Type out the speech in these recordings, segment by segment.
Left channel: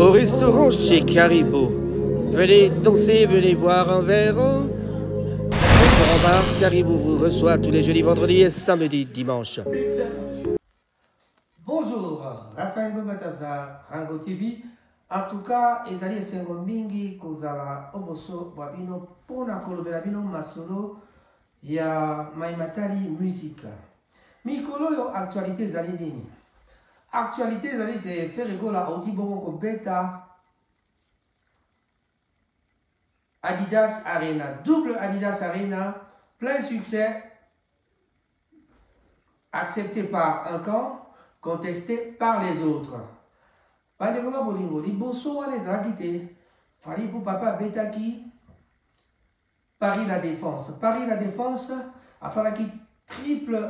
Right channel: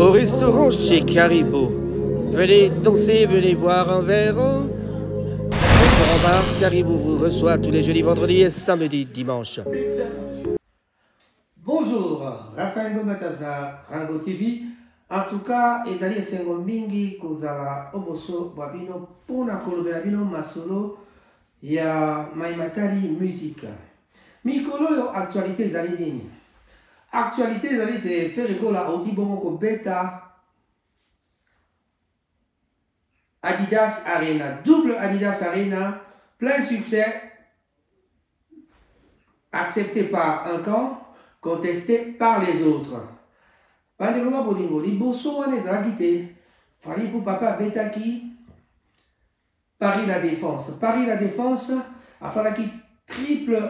Au restaurant chez Caribou. Venez danser, venez boire un verre. Restaurant bar, Caribou vous reçoit tous les jeudis, vendredis et samedis, dimanche. Bonjour, Raphaël Gomataza, Rango TV. En tout cas, ezali esengo mingi kozala oboso babino pona kolobela bino masolo ya maimatali musique. Mikolo yo actualité ezali nini? Actualité ezali te ferigola audi bongo ko beta Adidas Arena, double Adidas Arena, plein succès, accepté par un camp, contesté par les autres. Bandekoma bolingo, liboso wana ezalaki te, fali pour papa betaki Paris La Défense. Paris La Défense, asalaki triple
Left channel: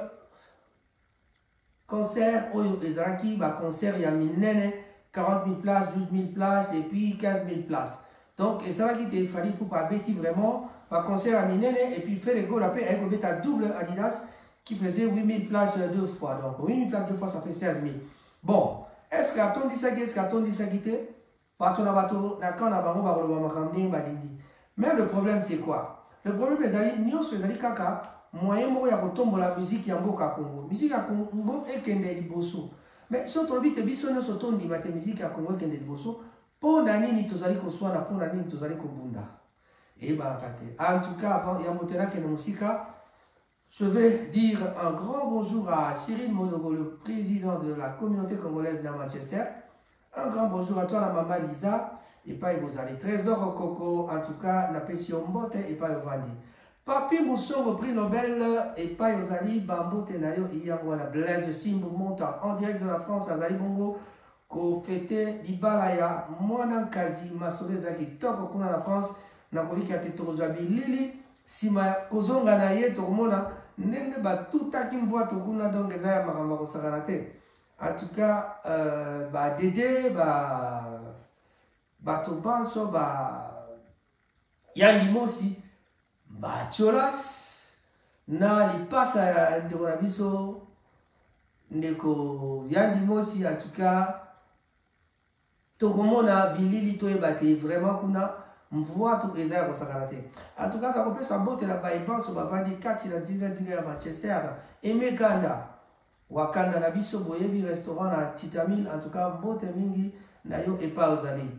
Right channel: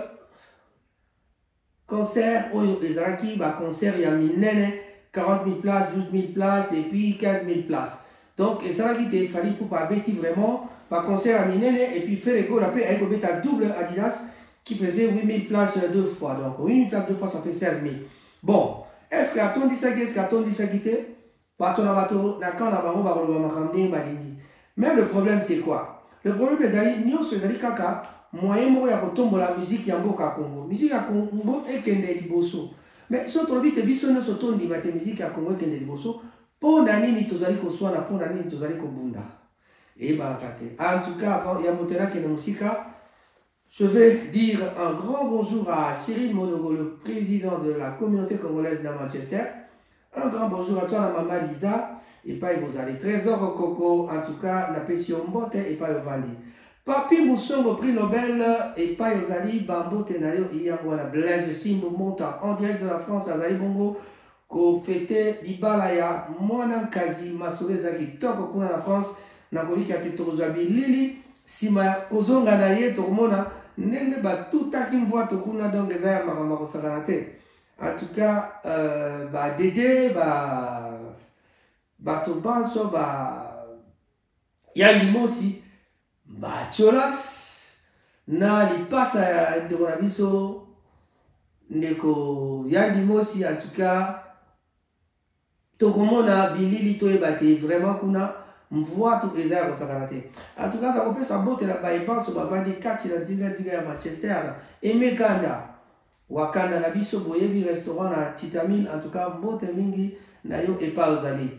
concert, oyo ezalaki ba concert ya minene, 40 000 places, 12 000 places et puis 15 000 places. Donc, ezalaki te, fali pour papa beti vraiment, ba concert à minene et puis fait les goals après avec beta double Adidas qui faisait 8 000 places deux fois. Donc, 8 000 places deux fois, ça fait 16 000. Bon. Est-ce que Aton dit ça qui est-ce qu'Aton dit ça qui était? Même le problème c'est quoi? Le problème c'est que nous sommes kaka moyen mo ya kotombo la musique ya mboka Congo. Musique ya Congo ekende liboso. Mais so to bi te biso no so tondi mate musique ya Congo ekende liboso. Po na nini tozali ko swana po na nini tozali ko bunda. Et barakate. En tout cas avant ya motera ke na musika. Je vais dire un grand bonjour à Cyril Monogo, le président de la communauté congolaise de Manchester. Un grand bonjour à toi, la maman Lisa. Et pas vous allez. Trésor Coco, en tout cas, la Pession Mbote et pas Vandi. Papi Moussongo, prix Nobel, et pas Yozali, Bambo Tenayo, Iyangwana, Blaise Simbo Monta, en direct de la France, Azali Bongo, ko fete Libalaya, Mwana Kazi, Masole Zaki, Toko Kuna la France, Nakoli Katetorozabi Lili, Sima Kozonga Naye, Tormona, Nende ba tout à qui me voit tout kuna donc ezaya makambo sakana te. En tout cas ba Dédé ba to banso ba ya limosi ba cholas na li pasa de bona biso ndeko ya limosi en tout cas to komona bilili to ebate vraiment kuna mvoa tout ezaya ko sakarate. En tout cas, quand on peut saboter la baïban sur ma vandi 4 il a diga à Manchester et Meganda Wakanda na biso boyebi restaurant na Titamil en tout cas mbote mingi na yo et pas ozali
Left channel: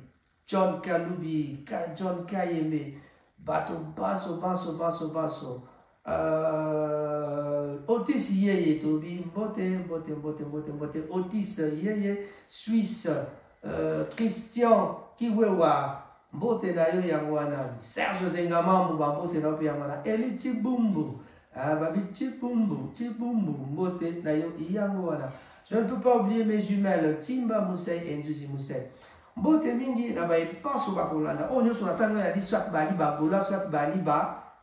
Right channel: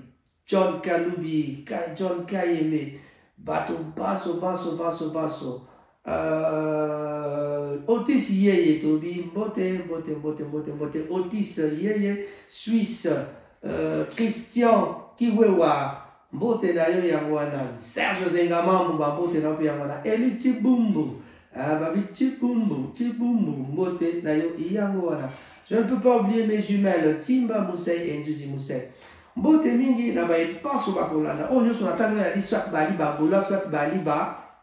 John Kalubi John Kayeme bato baso Otis Yeye Tobi mbote Otis Yeye Suisse Christian Kiwewa Mbote na yo yangwana Serge Zengamambu mbote na pe yangwana Eli Chibumbu babi Chibumbu mbote na yo yangwana. Je ne peux pas oublier mes jumelles Timba Moussei et Njuzi Moussei. Mbote mingi na ba epanso ba kolanda o nyoso na tango na di soit bali ba gola soit bali ba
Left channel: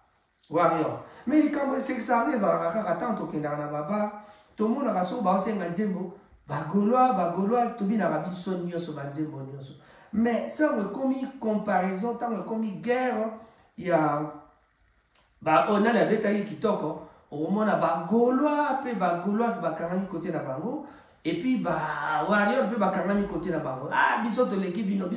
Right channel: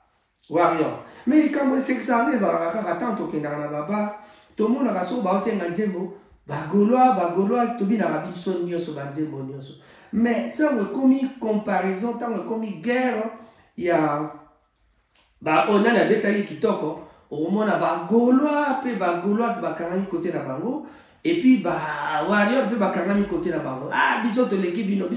warrior. Mais il comme c'est que ça les ala kaka tanto kenda na baba to mona ka so ba osenga nzembo ba gaulois to bi na rabiso nyoso ba nzembo nyoso. Mais ça on a commis comparaison, tant on a commis guerre, il y a on a la bétail qui toque, au moins ba gaulois, puis ba gaulois ba kanami côté na bango, et puis ba warrior puis ba kanami côté na bango. Ah biso to l'équipe bino,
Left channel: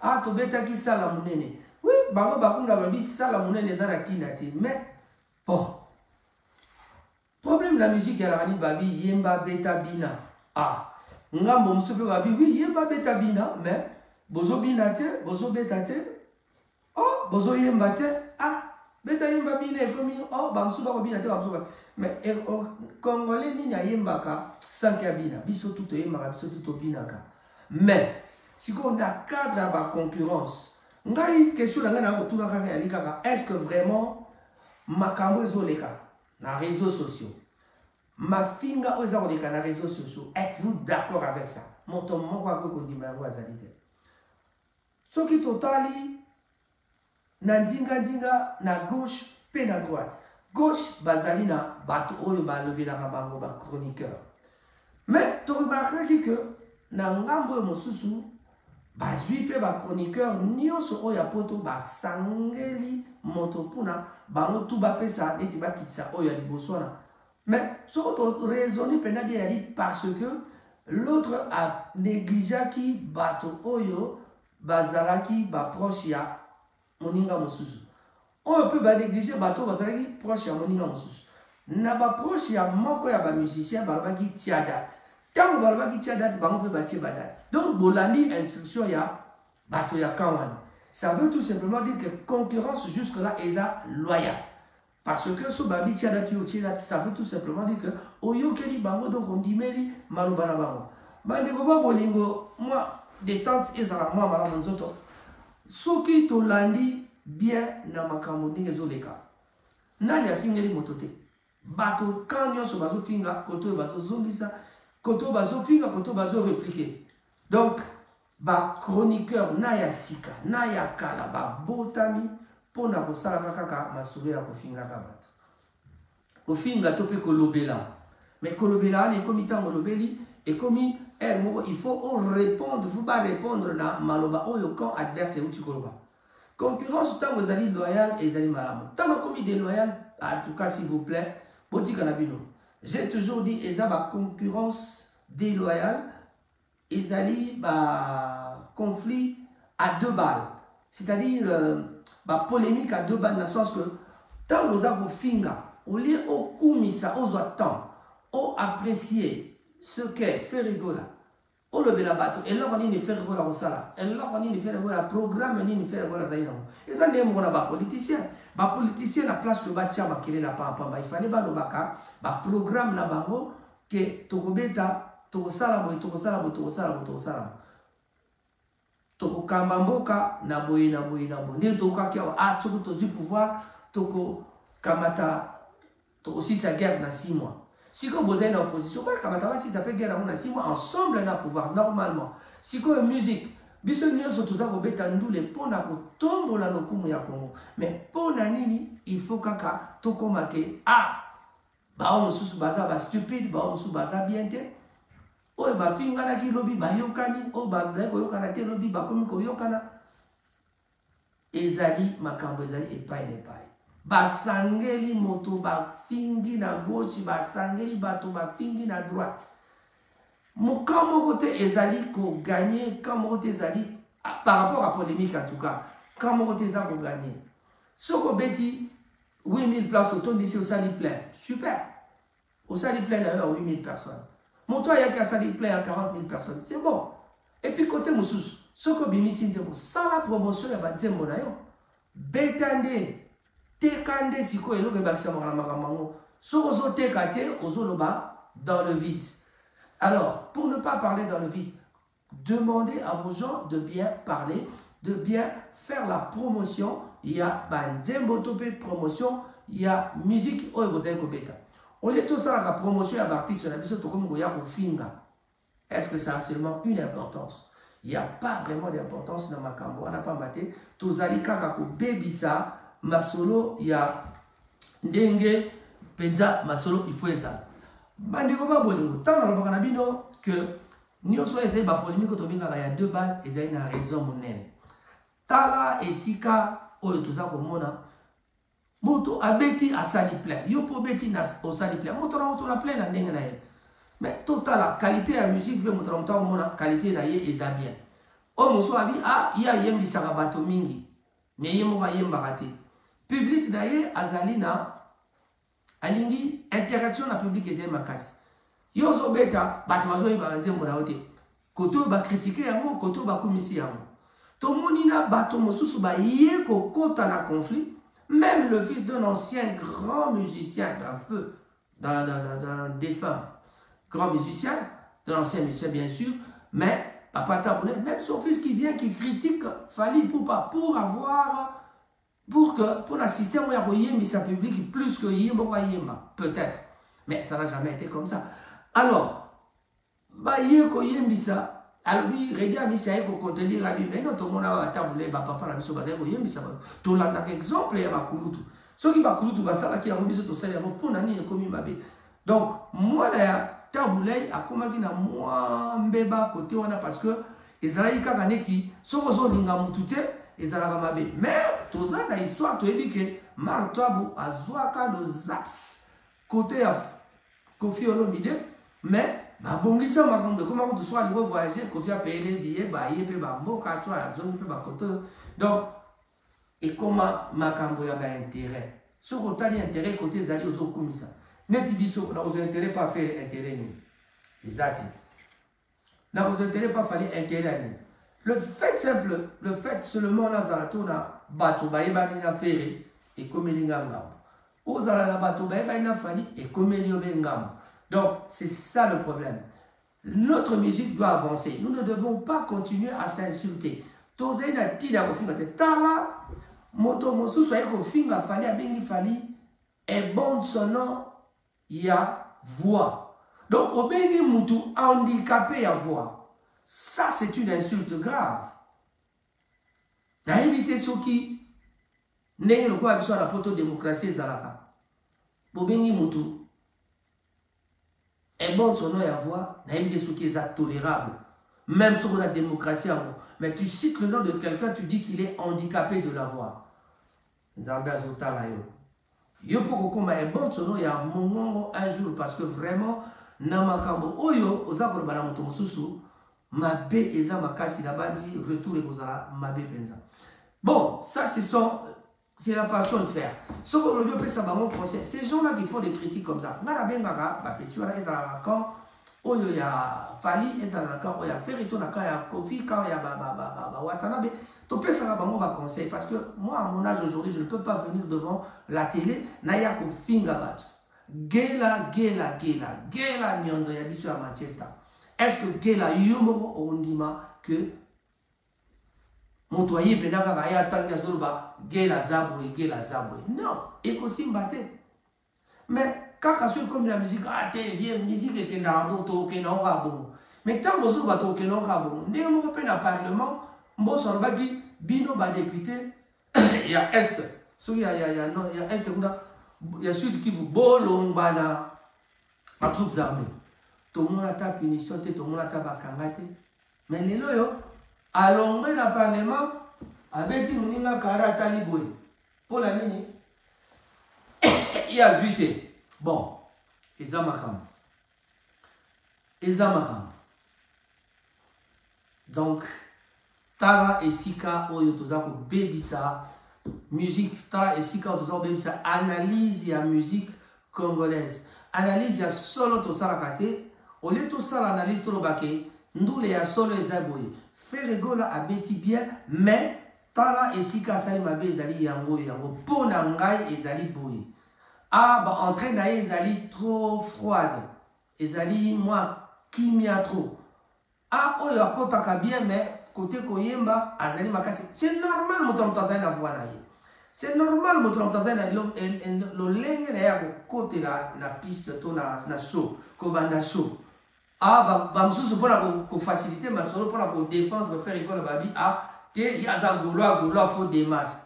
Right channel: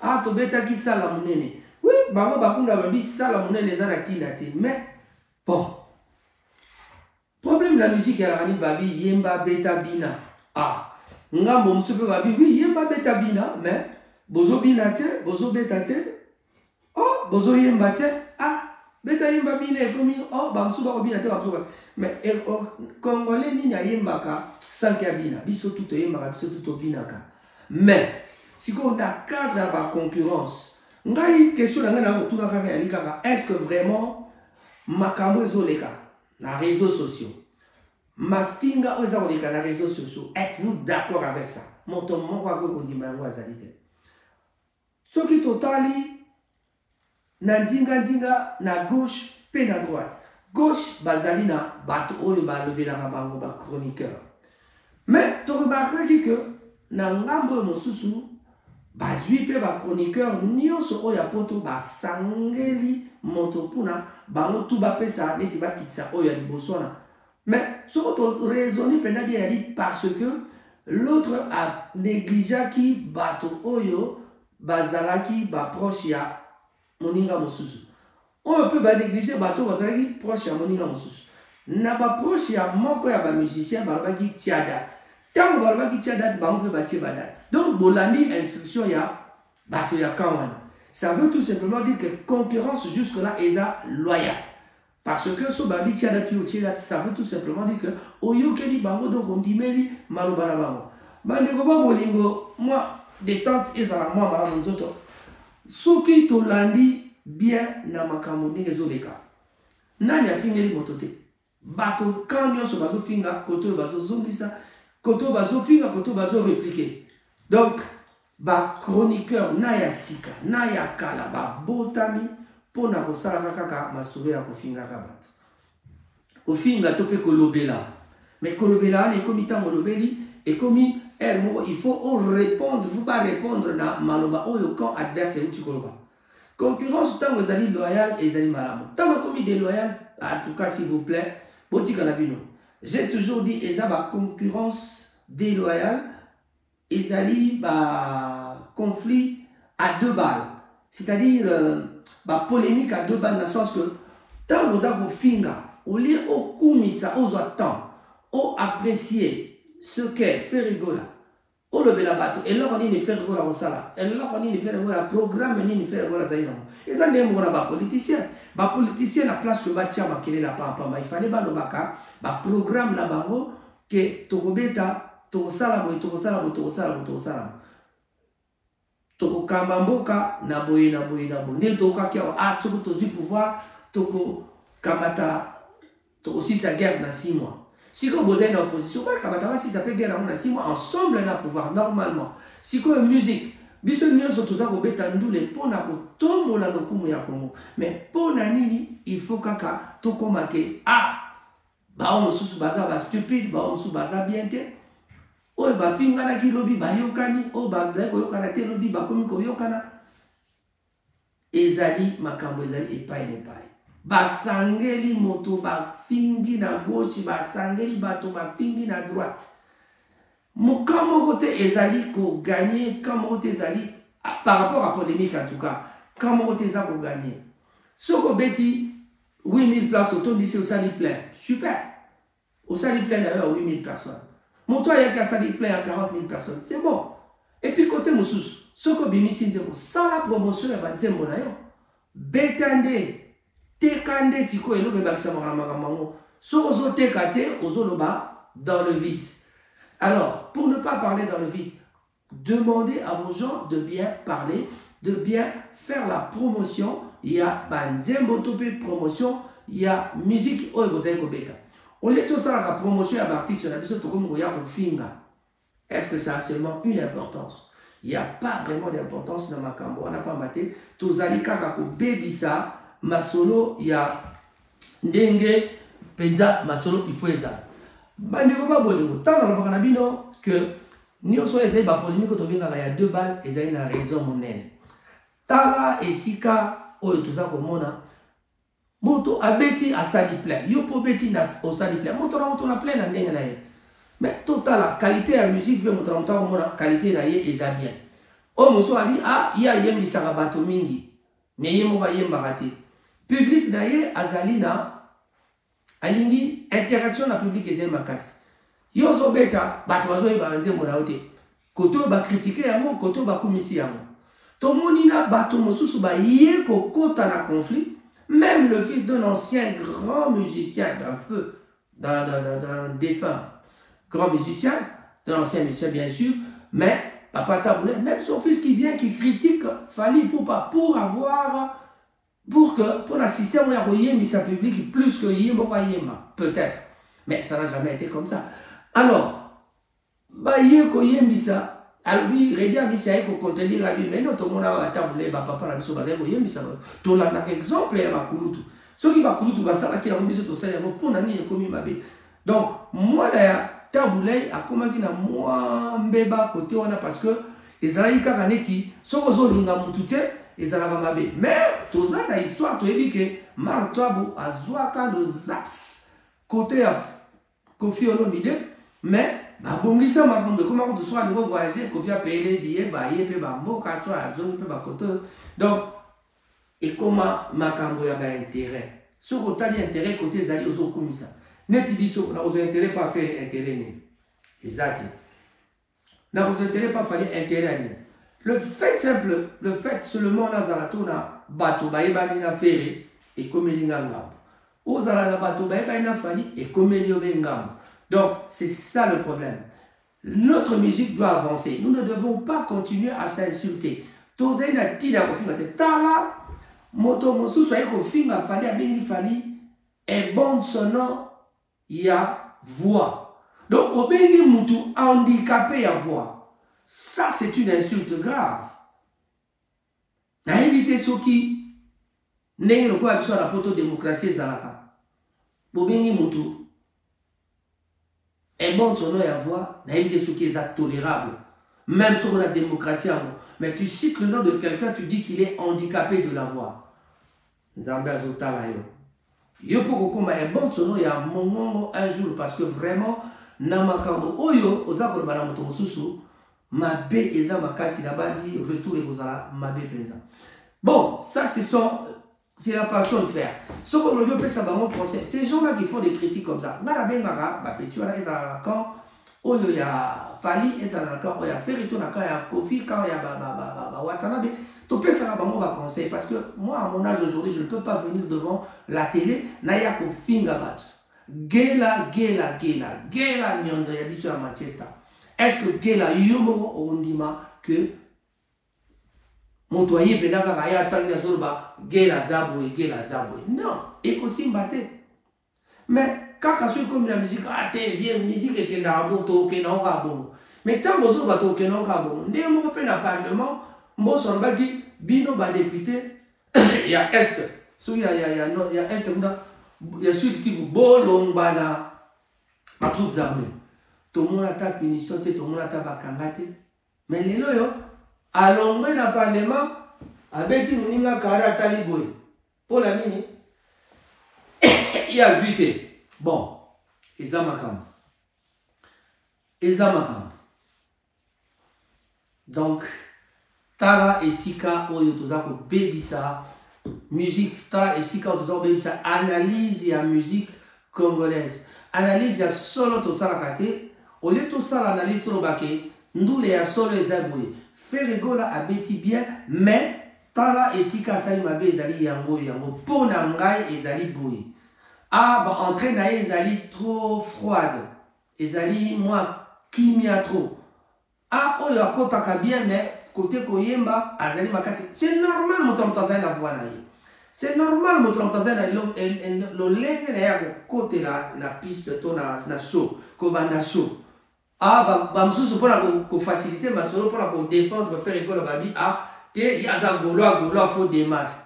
ah to bétail qui sala munene. Oui, bango ba kunda ba bi sala munene les anatina ti, mais bon. Problème la musique elle a rani babi yemba beta bina. Ah ngambo musupe babi oui yemba beta bina mais bozo bina te bozo beta te oh bozo yemba te ah beta yemba bina ekomi oh ba musuba ko bina te ba musuba mais congolais ni na yemba ka sanka bina biso tout yemba biso tout bina ka mais si on a cadre ba concurrence ngai question na ngana retourna ka ya likaka est-ce que vraiment makambo ezoleka na réseaux sociaux ma finga aux arrondis na réseaux sociaux, êtes-vous d'accord avec ça? Mon ton mon quoi qu'on dit mango azalite. Ce qui totali na dinga na gauche pe na droite. Gauche bazali na bato oyo ba lobela ka bango ba chroniqueur. Mais tu remarqueras que na ngambo mosusu bazui pe ba chroniqueur nyonso oyo poto ba sangeli moto puna bango tu ba pesa neti ba kitsa oyo liboso na. Mais ce qu'on raisonne bien parce que l'autre a négligé qui bato oyo bazalaki ba proche ya moninga mosusu. On peut ba négliger bato bazalaki proche ya moninga mosusu. Na ba proche ya moko ya ba musicien balobaki tia date. Tant balobaki tia date ba on peut batie ba date. Donc bolandi instruction ya bato ya kamana. Ça veut tout simplement dire que concurrence jusque là est loyale. Parce que ce babi tia date yo tia date, ça veut tout simplement dire que oyo keli bango donc on dit meli malobala bango. Bandeko ba bolingo moi détente ezala moi mala nzoto. Soki tolandi bien na makambo ndenge ezoleka. Nani afingeli motote? Bato kanyo so bazo finga koto bazo zongisa koto bazo finga koto bazo répliquer. Donc ba chroniqueur na ya sika na ya kala ba botami pona kosala kaka masolo ya kofinga ka bato. Kofinga to pe kolobela. Mais kolobela ne komi tango lobeli et komi il faut répondre, il ne faut pas répondre dans maloba ou le camp adverse où tu koloba. Concurrence tant que vous allez loyal et vous allez malade. Tant que commis déloyal, en tout cas s'il vous plaît, j'ai toujours dit ils ont concurrence déloyale, ils allaient conflit à deux balles, c'est-à-dire polémique à deux balles dans le sens que tant que vous avez finger, au lieu au kumisa, aux temps, au apprécier ce qu'est fait rigola. O le bela bato et là on dit ne fait rigola au sala. Et là on dit ne fait rigola programme ni ne fait rigola zaina. Et ça n'est pas politicien. Ba politicien la place que batia makele la pampa. Il fallait ba lo baka ba programme la bango que tokobeta tokosala boy tokosala boy tokosala boy tokosala. Toko kambamboka na boye na boye na boye. Ne toka kia toko tozu pouvoir toko kamata to aussi sa guerre na 6 mois. Si vous êtes en opposition, si ça fait guerre à 6 mois, ensemble, on a pouvoir normalement. Si vous avez musique, mais pour nani, il faut que tout comme on sous baza stupide, on sous baza bien te. Oh, ba finga na ki lobi ba yokani, oh ba mzaiko yokana te lobi ba komi ko yokana. Ezali makambo ezali epai nepai. Basangeli moto ba fingi na gauche, basangeli bato ba fingi na droite. Mokambo kote ezali ko gagner, kamo kote ezali par rapport à polémique en tout cas, kamo kote ezali ko gagner. Soko beti 8000 places autour d'ici au sali plein. Super. Au sali plein d'ailleurs 8000 personnes. Mon toit il y a qu'à sali plein à 40 000 personnes. C'est bon. Et puis côté Moussous, soko bimisi nzembo, sans la promotion ya ba nzembo na yo. Betande tekande siko eloko ebakisa makambo so ozo tekate ozoloba dans le vide. Alors pour ne pas parler dans le vide, demandez à vos gens de bien parler, de bien faire la promotion. Il y a banzembo topé promotion, il y a musique oyo bozali kobeta. On est tous à la promotion à l'artiste sur la biso to comme goya ko finga. Est-ce que ça a seulement une importance? Il n'y a pas vraiment d'importance dans makambo. On n'a pas maté tozali kaka ko bebisa masolo ya ndenge penza masolo il faut eza bandeko ba bolingo tant na baka na bino que nyonso ezali ba polémique to benga ya 2 balles ezali na raison monene tala esika oyo toza komona moto abeti asali plein yo po beti na osali plein moto na plein na ndenge na ye mais total qualité ya musique pe moto na komona qualité na ye eza bien o moso abi ya yembisa bato mingi mais ye mo ba yembaka te public na ye azalina alingi interaction na public ezali makasi yo zo beta bato bazoyeba nzembo na yo te koto ba critiquer yango koto ba komisi yango tomoni na bato mosusu ba ye kokota na conflit. Même le fils d'un ancien grand musicien d'un feu d'un défunt grand musicien, d'un ancien musicien bien sûr, mais Papa Taboulé, même son fils qui vient qui critique Fally Ipupa pour un système où il y a sa public plus que Yemba, peut-être. Mais ça n'a jamais été comme ça. Alors, Bayeko Yembisa, alors oui, Redia Missa ko contenir Rabi, mais non, tout le monde a Taboulé, Papa la Misso Bazeko Yembisa. Tout là, un exemple, il y a Bakulutu. Ce qui va Kulutu, ça, qui a remis ce tossé, pour n'ani et commis ma bé. Donc, moi, là, Taboulé a commencé à moi, mbeba, côté, on a parce que les Alaïka Ganeti, Sozo Linga Mutute, les Alabamabe. Mais, tout ça, la histoire, tu as dit que Martoabou a Zouaka le Zaps, côté à Kofi Olomide, mais babongisa makambo ekoma kutu soki alingi voyager kofi apaye les billets baye mpe bamboka to azongi mpe bakoto donc ekoma makambo ya baintérêt soki otali intérêt kote ezali ozokumisa neti biso nakozwa intérêt pa affaire intérêt nini eza te nakozwa intérêt pa afali intérêt ya nini le fait simple le fait seulement nazala to na bato bayebani na fere ekomeli nga ngambo ozala na bato bayebani na fali ekomeli yo be ngambo. Donc, c'est ça le problème. Notre musique doit avancer. Nous ne devons pas continuer à s'insulter. Tozai na tina ko finga te tala moto mosusu aye ko finga fali abengi fali et bon sonore ya voix. Donc, obengi mutu handicapé ya voix. Ça, c'est une insulte grave. Na éviter soki ndenge lokola biso na poto démocratie ezalaka. Bobengi mutu et bon son nom et voix, n'a pas ce qui est tolérable. Même sur la démocratie, mais tu cites le nom de quelqu'un, tu dis qu'il est handicapé de la voix. Zambia Zotala yo. Yo pour qu'on ait bon son nom et un mongongo un jour parce que vraiment namakambo oyo ozakolo bana moto mususu mabe eza makasi na bandi retour et kozala mabe penza. Bon, ça c'est la façon de faire. Ce qu'on veut faire, c'est un procès. Ces gens-là qui font des critiques comme ça, quand il y a Fali, il y a Ferrito, il y a Kofi, il y a Watanabe, tu peux ça un conseil. Parce que moi, à mon âge aujourd'hui, je ne peux pas venir devant la télé, naya ko fingabat. Gela, nyondo, habitué à Manchester. Est-ce que Gela, yomo, ondima, que motoyer penaka kaya tangi azoroba gela zabwe non ekosimba te mais kaka soki comme la musique te vie musique ekenda moto okenda oka bongo mais ntango ozoloba to okenda oka bongo ndenge moko mpe na parlement mboso alobaki bino badepute ya est soki ya est kuna ya sud kivu bolongwa na batroupes armées tomona ata punition te tomona ata bakanga te mais lelo yo alongwe na parlement abeti muninga kara taliboy pour la nini ya zuite bon ezamakam donc tala esika oyo tozako bebisa musique tala esika oyo tozako bebisa analyse ya musique congolaise analyse ya solo tosalaka te ole tosala analyse tolobake ndule ya solo eza boye Ferregola abeti bien mais tala esika asali mabe ezali yango pona ngai ezali boye ba entrée na ezali trop froide ezali moi kimia trop oyo akotaka bien mais côté koyemba azali makasi c'est normal moto mtazali na voix na ye c'est normal moto mtazali na lolenge na ya kokotela na piste to na show kobanda show bamsusu mpona kofacilite masolo mpona kodéfendre Ferregola babi te yaza golo fo démarche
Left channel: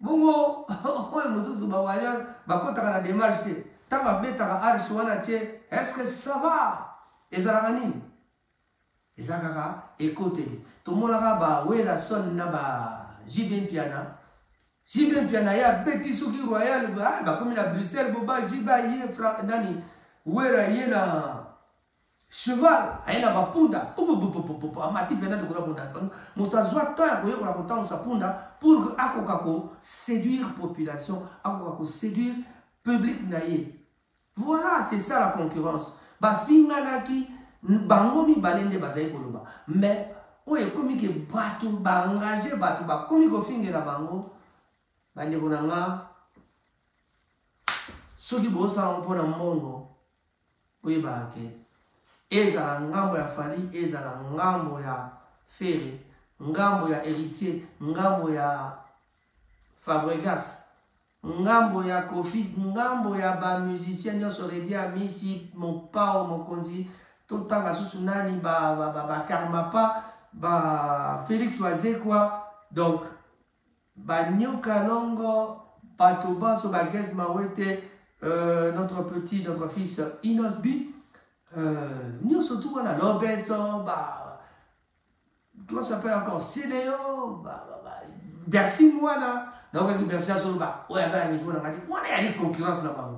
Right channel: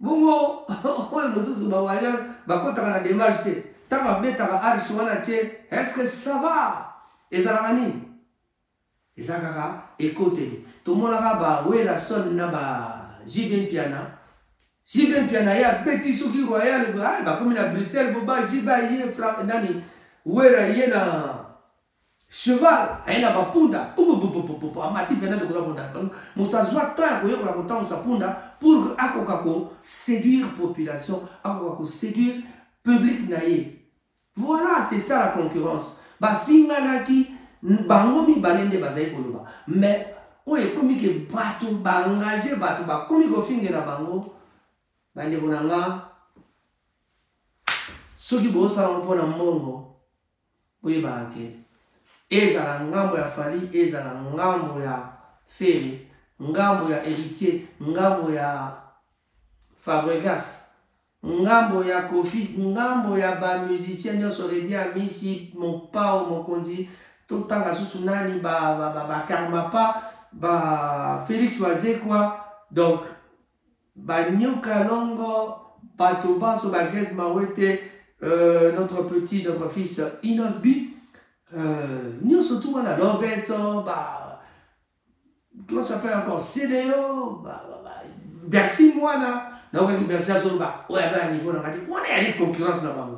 bongo oyo mosusu bawaya bakotaka na démarche te ntango abetaka arche wana tie est-ce que ça va ezalaka nini eza kaka ekoteli tomonaka bawera son na JB Mpiana ye abeti soki royal bakomi na Bruxelles boba JB ye nani wera ye na cheval aina bapunda amati pena de kula moto azwa temps ya koyekola kotambusa punda pour akoka ko séduire population akoka ko séduire public na ye. Voilà, c'est ça la concurrence. Bafinganaki bango mibale nde bazali koloba mais oyo ekomi ke bato baengage bato bakomi kofingela bango bandeko na nga soki bosala mpona mbongo boyebaka ke ezala ngambo ya Fali, ezala ngambo ya Ferry, ngambo ya Héritier, ngambo ya Fabregas, ngambo ya Kofi, ngambo ya ba musicien nyonso redi amisi mopao mokonzi totanga susu nani ba Karmapa, ba Félix Wazekwa, donc ba Nyoka Longo, bato banso ba Gez Mawete, notre fils Inosbi. Nous surtout on a l'Obeso, comment ça s'appelle encore CDO, Bercy Moana, donc Bercy Azoba, on a un niveau on a dit concurrence là-bas.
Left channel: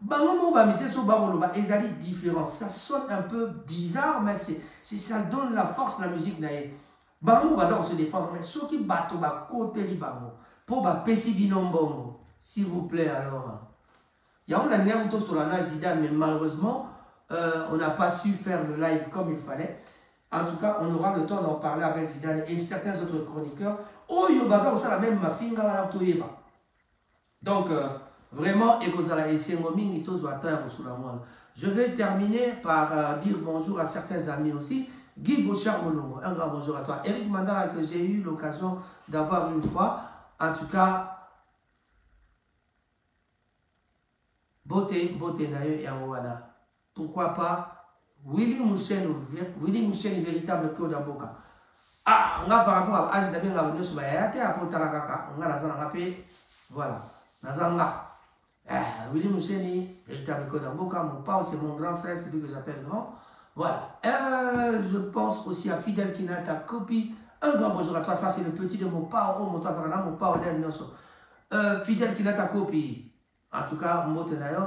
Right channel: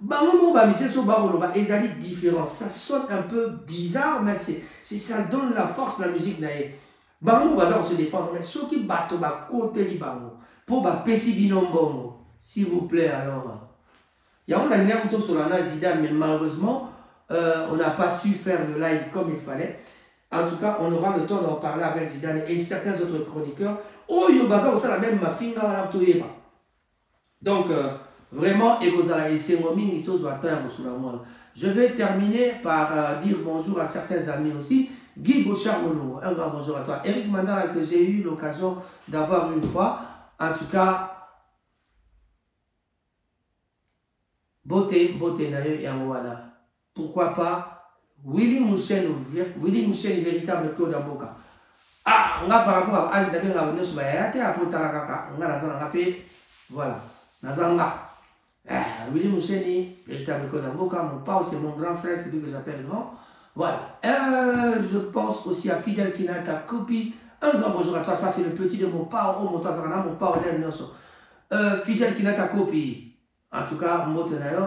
Bango ba monsieur so baroloba ezali différent, ça sonne un peu bizarre mais c'est ça donne la force la musique naie. Bango baza se défendre mais ceux qui bato ba côté li bango pour ba pesi binombongo s'il vous plaît alors. Il y a on a lien autour sur la Zidane mais malheureusement on n'a pas su faire le live comme il fallait. En tout cas, on aura le temps d'en parler avec Zidane et certains autres chroniqueurs. Oh, yo baza aussi la même mafinga wala toyeba. Donc vraiment, je vais terminer par dire bonjour à certains amis aussi. Guy Bouchard Molongo, un grand bonjour à toi. Eric Mandala, que j'ai eu l'occasion d'avoir une fois. En tout cas, beauté Nayo Yangwana. Pourquoi pas Willy Mouchen, véritable code d'Amboka. Ah, on a par rapport à l'âge d'Abel Rabonos, mais après Tarakaka, on a la voilà, Nazanga. Willy Moucheni, véritable code d'Amboka, mon père, c'est mon grand frère, c'est lui que j'appelle grand. Voilà. Je pense aussi à Fidel Kinata Kopi. Un grand bonjour à toi, ça c'est le petit de mon père, oh mon tazarana, mon père, Fidel Kinata Kopi. En tout cas, Mbote Nayo.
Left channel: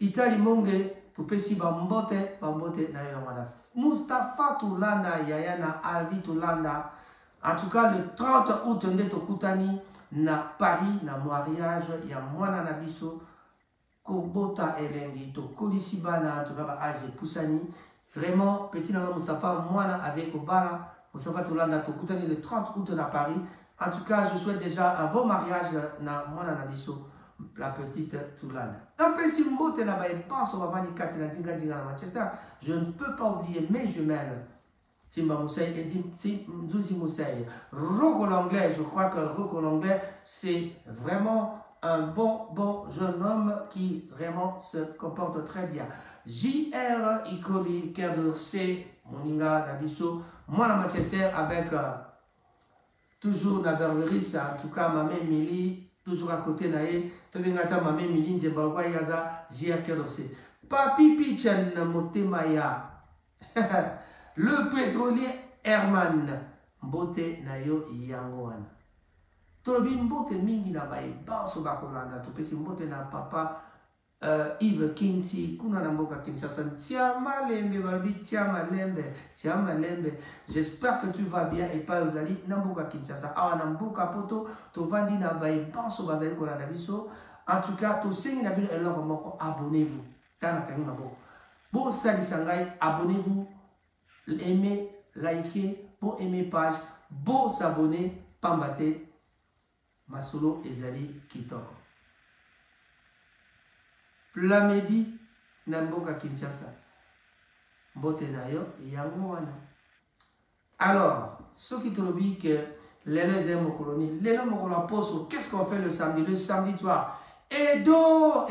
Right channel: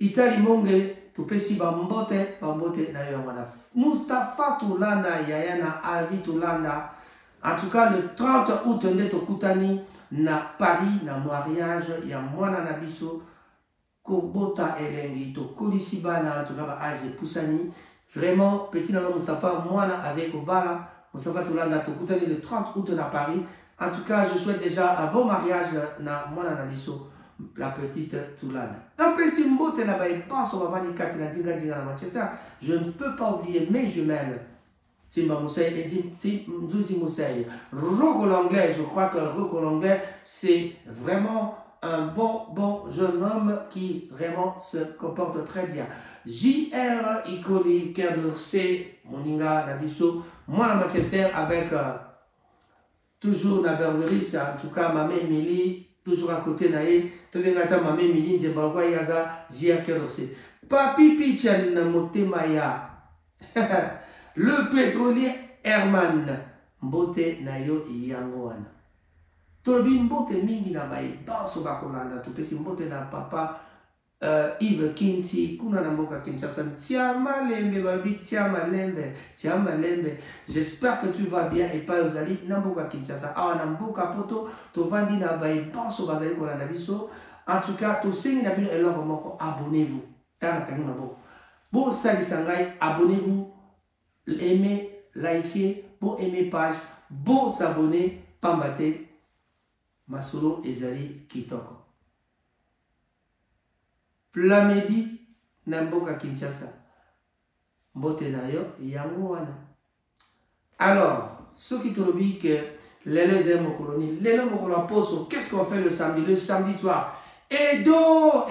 Itali Monge, Tupesi Bambote Nayo Mana. Mustafa Tulanda, Yayana Alvi Tulanda. En tout cas, le 30 août, on est au Koutani, na Paris, na mariage, il y a Mwana Nabiso. Kobota Elengi, to Kolisibana, to Raba Aje Poussani. Vraiment, petit Nava Mustafa, Mwana Azeko Bala, Mustafa Toulanda, to Koutani le 30 août à Paris. En tout cas, je souhaite déjà un bon mariage na Mwana Nabiso, la petite Toulanda. Après, si Mbote n'a pas eu pas sur Bavani Kati na Dinga Dinga na Manchester, je ne peux pas oublier mes jumelles. Timba Moussaï et Mzouzi Moussaï. Roko l'anglais, je crois que Roko l'anglais, c'est vraiment un bon jeune homme qui vraiment se comporte très bien. JR Ikoli, Kerdorse, Moninga, Nabiso, moi à Manchester avec toujours na Berberis, en tout cas Mamé Mili, toujours à côté naïe, Tobengata Mamé Mili, Nzebalwa Yaza, JR Kerdorse. Papi Pichan Motemaya, le pétrolier Herman, Mbote Nayo Yangoana. Tolobi Mbote mingi na bai banso bakolanda to pesi Mbote na papa Yves Kinsi kuna na mboka Kinshasa tiama lembe balobi tiama lembe. J'espère que tu vas bien et pas ozali na mboka Kinshasa awa na mboka poto to vandi na bai banso bazali kolanda biso. En tout cas to sengi na bino eloko moko, abonnez-vous tala kanima boko bo sali sangai, abonnez-vous, aimez, likez, bon aimer page, bon s'abonner, pambate Masolo ezali kitoko. Plamedi Namboka Kinshasa. Mbote nayo yango wana. Alors, ceux qui te disent que les Mokolonie, les Mokoloa Poso, qu'est-ce qu'on fait le samedi? Le samedi soir. Edo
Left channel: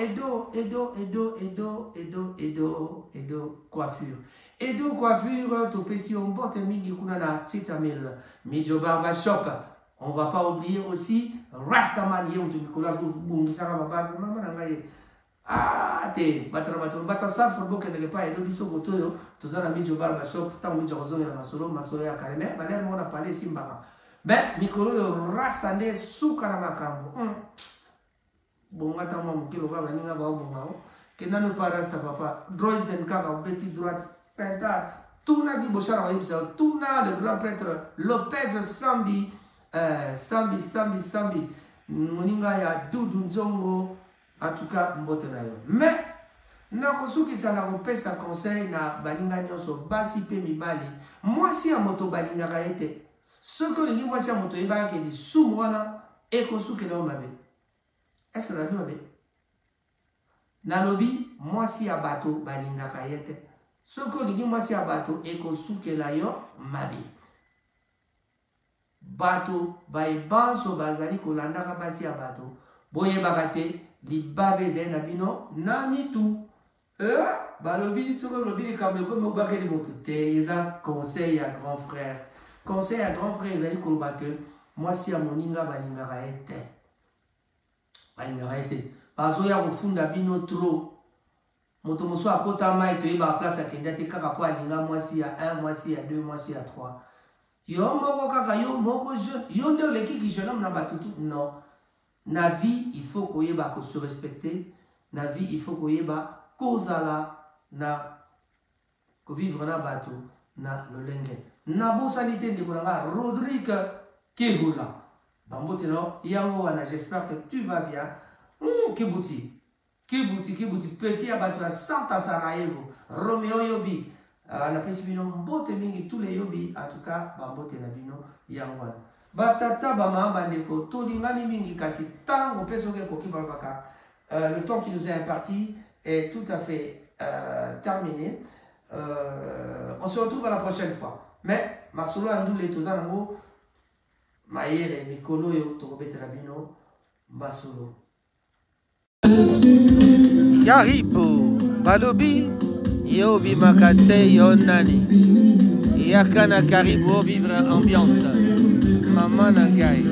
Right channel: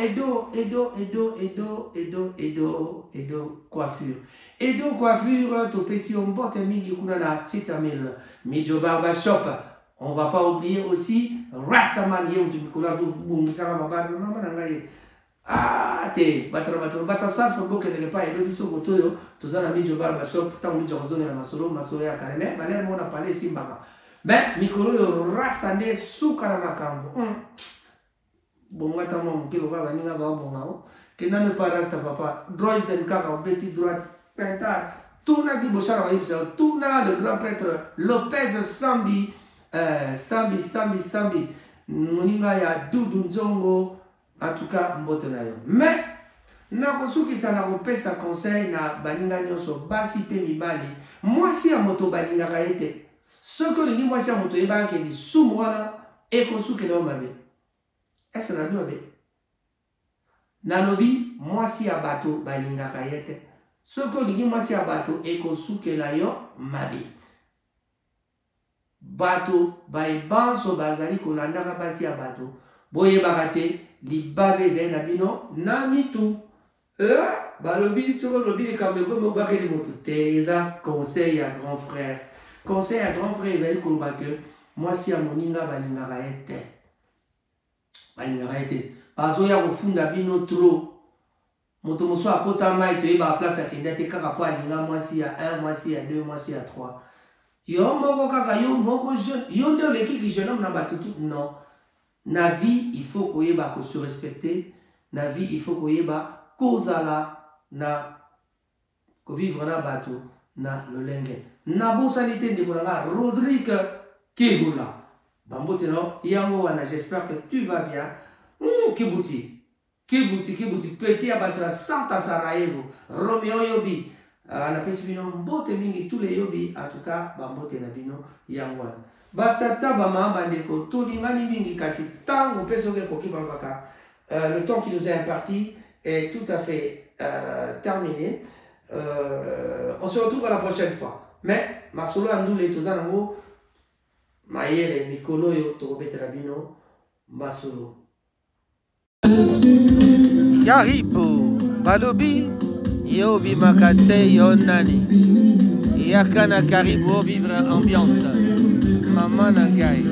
coiffure. Edo coiffure, topesi on bote mingi kuna na Titamil. Midjo Barba Shop. On ne va pas oublier aussi Rastaman Yem du Nicolas Bungisara Maman Nangaye. Ah, te, Batasar for Boke ne pas et le biso botoyo, tous en ami Jobar Bashop, tant que Jozon et la Masolo, Masolé à Kaleme, Malher Mona Palais Simbaka. Ben, Mikolo Rastane sous Karamakambo. Bon, moi, t'as mon kilo va venir à Bambo, que n'a pas Rasta Papa, Droits den Kaka, petit droite, Pentar, Touna di Bochara Ibsa, Touna, le grand prêtre Lopez Sambi. Sambi Moninga ya Doudou Nzongo, en tout cas Mbote nayo. Mais nakosuki sana kopesa conseil na baninga nyoso basi pe mibali. Moi si a moto baninga kaete. Ce que lingi moi si a moto eba ke di sumwana ekosuki na mabe. Est-ce que na mabe? Nalobi moi si a bato baninga kaete. Ce que lingi moi si a bato ekosuki na yo mabe. Bato bai banso bazali kolandaka basi ya bato boye bakate libabe zai na bino na mitu balobi soko lobi likambe ko mo bakeli moto teza conseil ya grand frère ezali koloba ke mwasi ya moninga balingaka ete bazoya kofunda bino trop moto mosusu akota mai toyeba place akende te kaka po alinga mwasi ya 1 mwasi ya 2 mwasi ya 3. Yo moko kaka yo moko jeune yo nde leki ki jeune homme na batutu non na vie il faut koyeba ko se respecter na vie il faut koyeba kozala na vivre na bato na lolenge na bosani te ndeko na Rodrigue Kihula bambote no yango wana j'espère que tu vas bien Kibuti petit abato à Santa Sarajevo Romeo Yobi na pesi bino mbote mingi tous les yobi en tout cas bambote na bino yango wana batata bama bandeko tolingani mingi kasi tango pesoke koki baka le temps qui nous est imparti est tout à fait terminé. On se retrouve à la prochaine fois. Mais masolo andule tozanango mayele mikolo yo tokobetela bino masolo. Karibo balobi yobi makate yonani yakana karibo vivre ambiance mama nangai